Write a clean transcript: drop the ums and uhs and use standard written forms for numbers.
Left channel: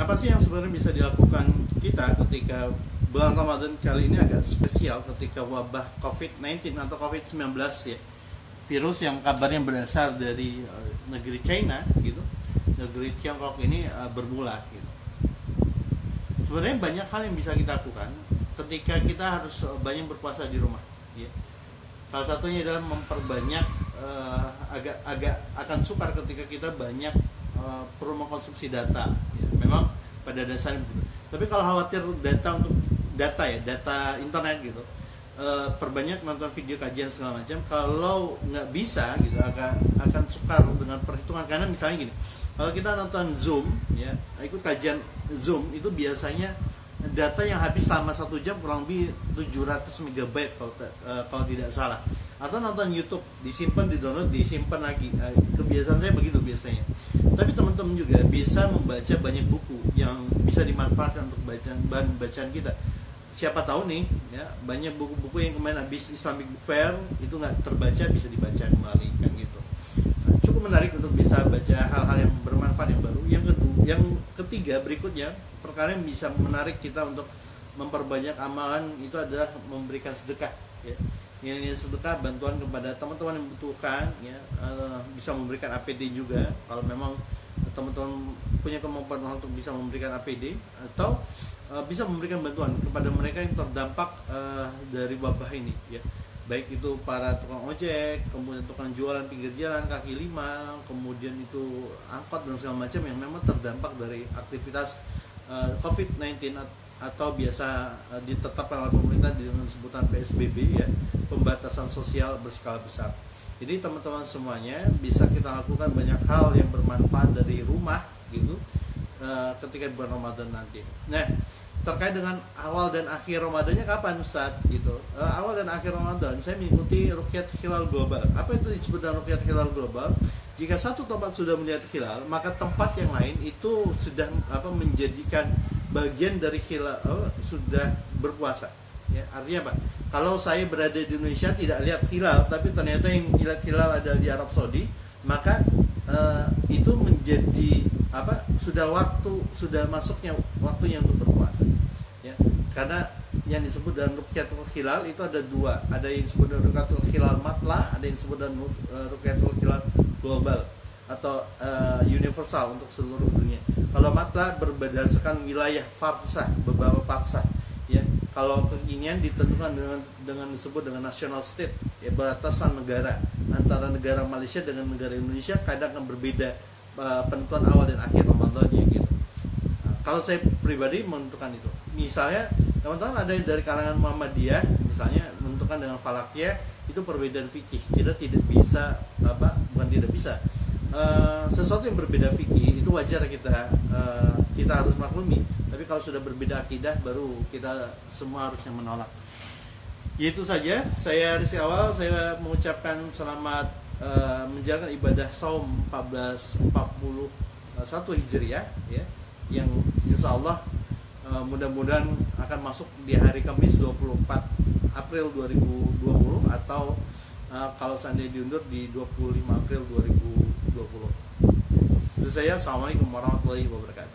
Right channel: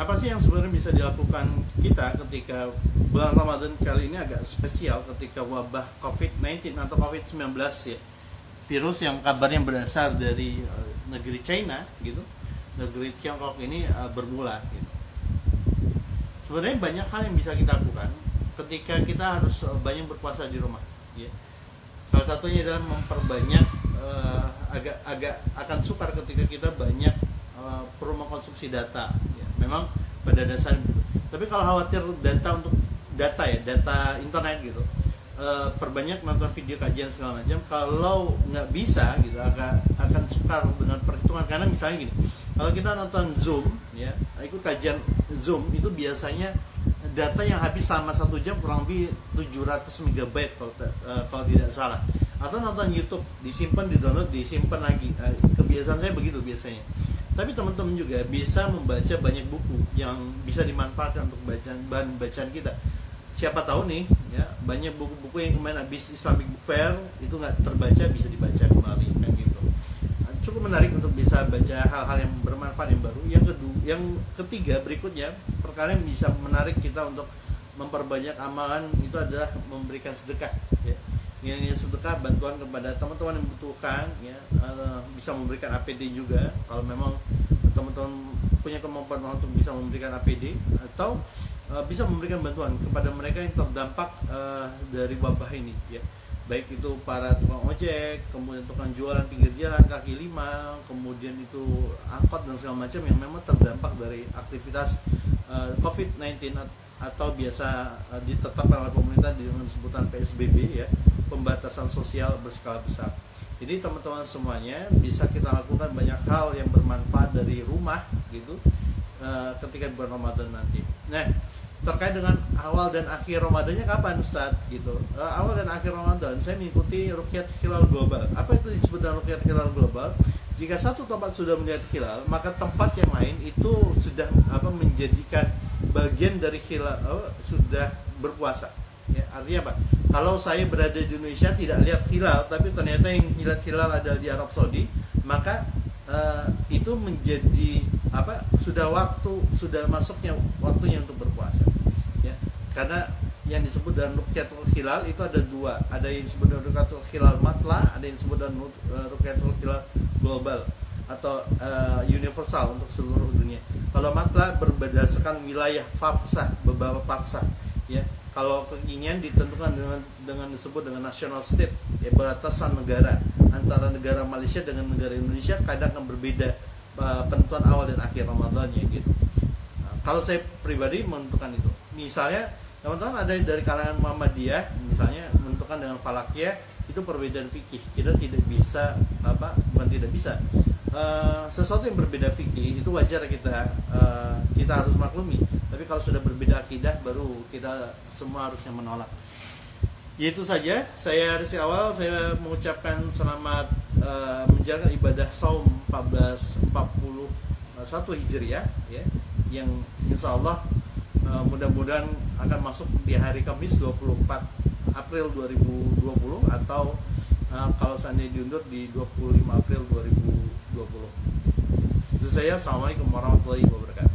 Apa sih yang sebenarnya bisa dilakukan kita ketika bulan Ramadan kali ini agak spesial ketika wabah COVID-19 atau COVID-19 ya, virus yang kabarnya berasal dari negeri China gitu, negeri Tiongkok ini bermula gitu. Sebenarnya banyak hal yang bisa kita lakukan ketika kita harus banyak berpuasa di rumah ya. Salah satunya adalah memperbanyak agak akan sukar ketika kita banyak perlu mengkonsumsi data ya. Memang pada dasarnya begitu. Tapi kalau khawatir data untuk data internet gitu, perbanyak nonton video kajian segala macam. Kalau nggak bisa gitu, akan sukar dengan perhitungan, karena misalnya gini, kalau kita nonton Zoom ya, ikut kajian Zoom itu biasanya data yang habis selama 1 jam kurang lebih 700 MB kalau tidak salah. Atau nonton YouTube, disimpan, di-download, disimpan lagi. Kebiasaan saya begitu biasanya. Tapi teman-teman juga bisa membaca banyak buku yang bisa dimanfaatkan untuk bahan bacaan kita. Siapa tahu nih ya, banyak buku-buku yang kemarin habis Islamic Book Fair itu nggak terbaca, bisa dibaca kembali kan gitu. Cukup menarik untuk bisa baca hal-hal yang bermanfaat yang baru. Yang ketiga berikutnya, perkara yang bisa menarik kita untuk memperbanyak amalan itu adalah memberikan sedekah ya. Ini sedekah, bantuan kepada teman-teman yang membutuhkan ya, bisa memberikan APD juga kalau memang teman-teman punya kemampuan untuk bisa memberikan APD, atau bisa memberikan bantuan kepada mereka yang terdampak dari wabah ini ya. Baik itu para tukang ojek, kemudian tukang jualan pinggir jalan, kaki lima, kemudian itu angkot dan segala macam yang memang terdampak dari aktivitas COVID-19 atau biasa ditetapkan oleh pemerintah dengan sebutan PSBB ya, pembatasan sosial berskala besar. Jadi teman-teman semuanya bisa kita lakukan banyak hal yang bermanfaat dari rumah gitu ketika bulan Ramadan nanti. Nah, terkait dengan awal dan akhir Ramadannya kapan Ustadz gitu. Awal dan akhir Ramadan saya mengikuti Ruqyat Hilal Global. Apa itu disebut dengan Ruqyat Hilal Global? Jika satu tempat sudah melihat hilal, maka tempat yang lain itu sudah menjadikan bagian dari hilal, sudah berpuasa ya. Artinya apa? Kalau saya berada di Indonesia tidak lihat hilal, tapi ternyata yang lihat hilal ada di Arab Saudi, maka itu menjadi sudah masuknya waktunya untuk berpuasa ya. Karena yang disebut dengan Ruqyatul Hilal itu ada dua, ada yang disebut dengan Ruqyatul Hilal Matla, ada yang disebut dengan Ruqyatul Hilal Global atau universal untuk seluruh dunia. Kalau Matla berdasarkan wilayah farsah, beberapa farsah ya. Kalau kekinian ditentukan dengan disebut dengan national state ya, batasan negara antara negara Malaysia dengan negara Indonesia kadang akan berbeda penentuan awal dan akhir Ramadannya gitu. Nah, kalau saya pribadi menentukan itu, misalnya teman-teman ada dari kalangan Muhammadiyah misalnya menentukan dengan Falakiyah, itu perbedaan fikih. Kita tidak bisa sesuatu yang berbeda fikih itu wajar kita harus maklumi. Tapi kalau sudah berbeda akidah, baru kita semua harusnya menolak. Itu saja, saya dari awal saya mengucapkan selamat menjalankan ibadah Shaum 1441 Hijriah ya, yang insya Allah mudah-mudahan akan masuk di hari Kamis 24 April 2020 atau kalau seandainya diundur di 25 April 2020. Itu saya. Assalamualaikum warahmatullahi wabarakatuh.